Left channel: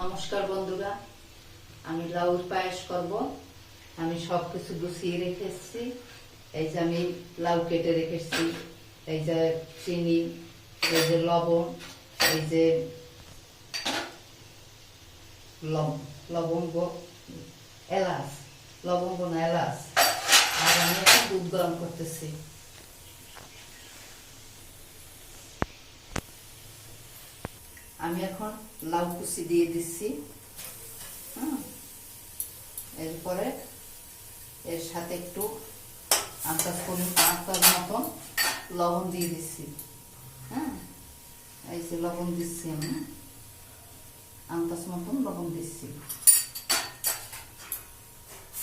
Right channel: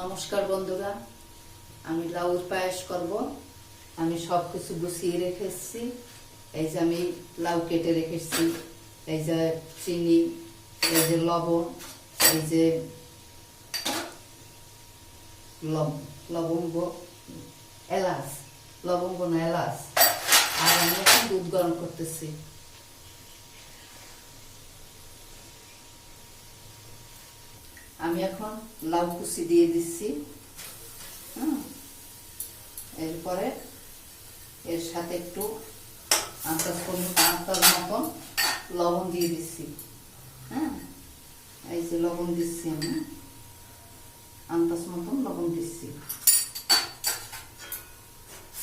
নমস্কার বন্ধুরা, আমি লাউর পায়েস করব। আমি সবকিছু গুছিয়ে রেখেছি। এই যে আমি লাউ কেটে রেখেছি, এই যে চিনি, এই যে লবণ, এই যে লবঙ্গ, এলাচ, লবঙ্গ না এলাচ। আর আমি এখন দুধ গরম করতেছি। আমি এখন লাউ কুচি দিয়ে দিচ্ছি। এরপরে এর সাথে একটু আন্দাজ মতন লবণ দিয়ে দিচ্ছি। হ্যাঁ, এই যে লবণ দিচ্ছি, আমি আন্দাজ মতন লবণ দিচ্ছি।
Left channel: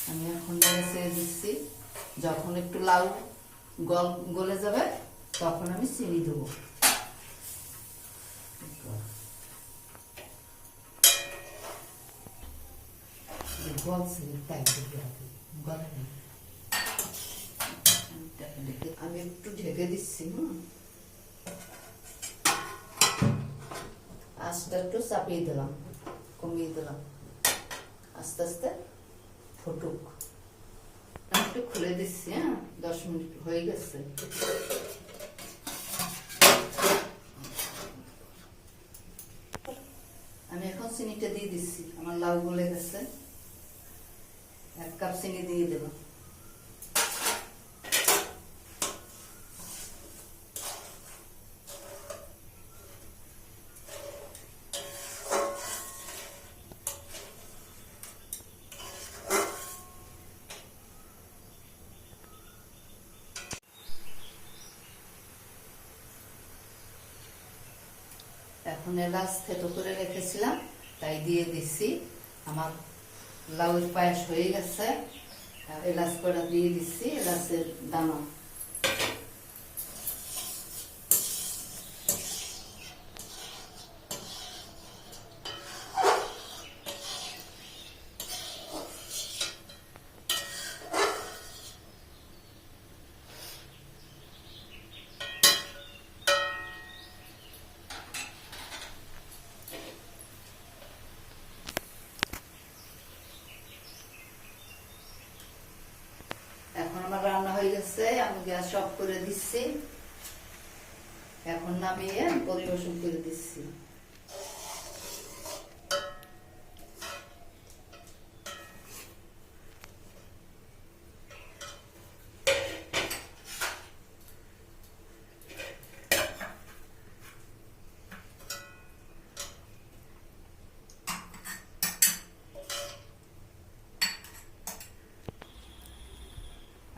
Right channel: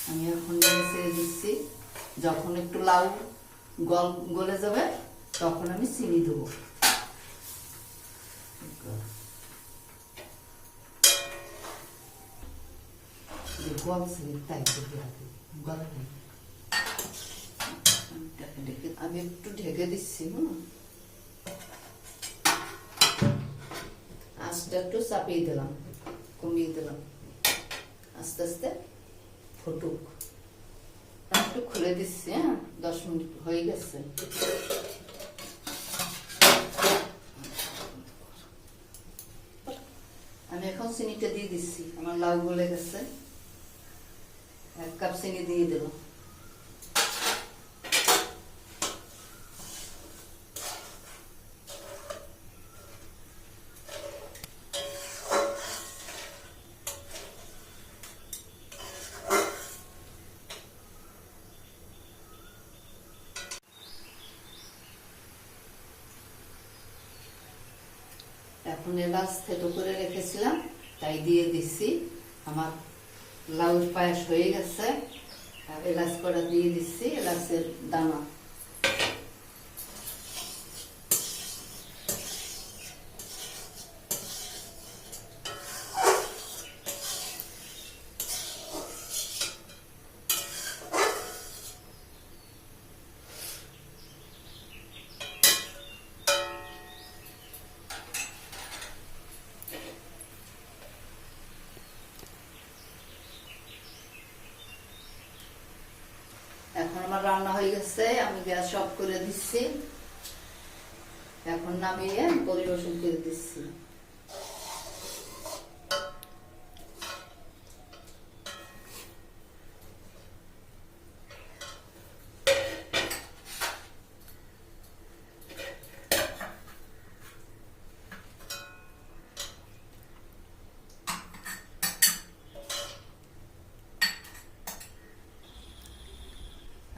আমি এখন ছেড়ে দিচ্ছি। যখন একটু লাউ গলে যাবে তখন আমি চিনি দেবো। আমি একটু ঢেকে দিচ্ছি। আঁচটা একটু চাপিয়ে দিলাম, কমিয়ে দিলাম, আস্তে আস্তে ফুটুক। একটু খুলে দিচ্ছি। 10 মিনিট হয়ে গেছে। আমি এখন চিনিটা দিয়ে দিচ্ছি। আমার লাউ গলে গেছে। 1 কাপ চিনি দিয়ে দিলাম। এখন এলাচ থেতো করে রেখেছিলাম, তাই দিয়ে দিচ্ছি। আমার লাউর পায়েস হয়ে গেছে। আর এলাচ কটা দিয়ে দিচ্ছি, এলাচের দানা। এখন আমার রান্না হয়ে গেছে। আমি গ্যাস অফ করে দিচ্ছি। এখন নামিয়ে পরিবেশন করে দিচ্ছি।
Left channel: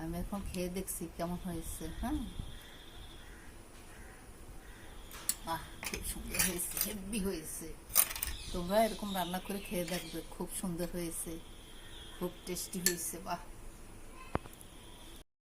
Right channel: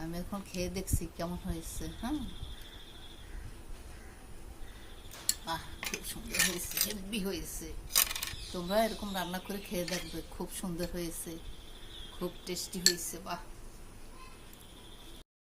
আমি এখন খেয়ে দেখছি কেমন হয়েছে। খুব সুন্দর হয়েছে, হেভি হয়েছে। তোমরা এরকম রান্না করে খেয়ে দেখবে, খুব সুন্দর হয়েছে, খুব টেস্টি হয়েছে। বাহ।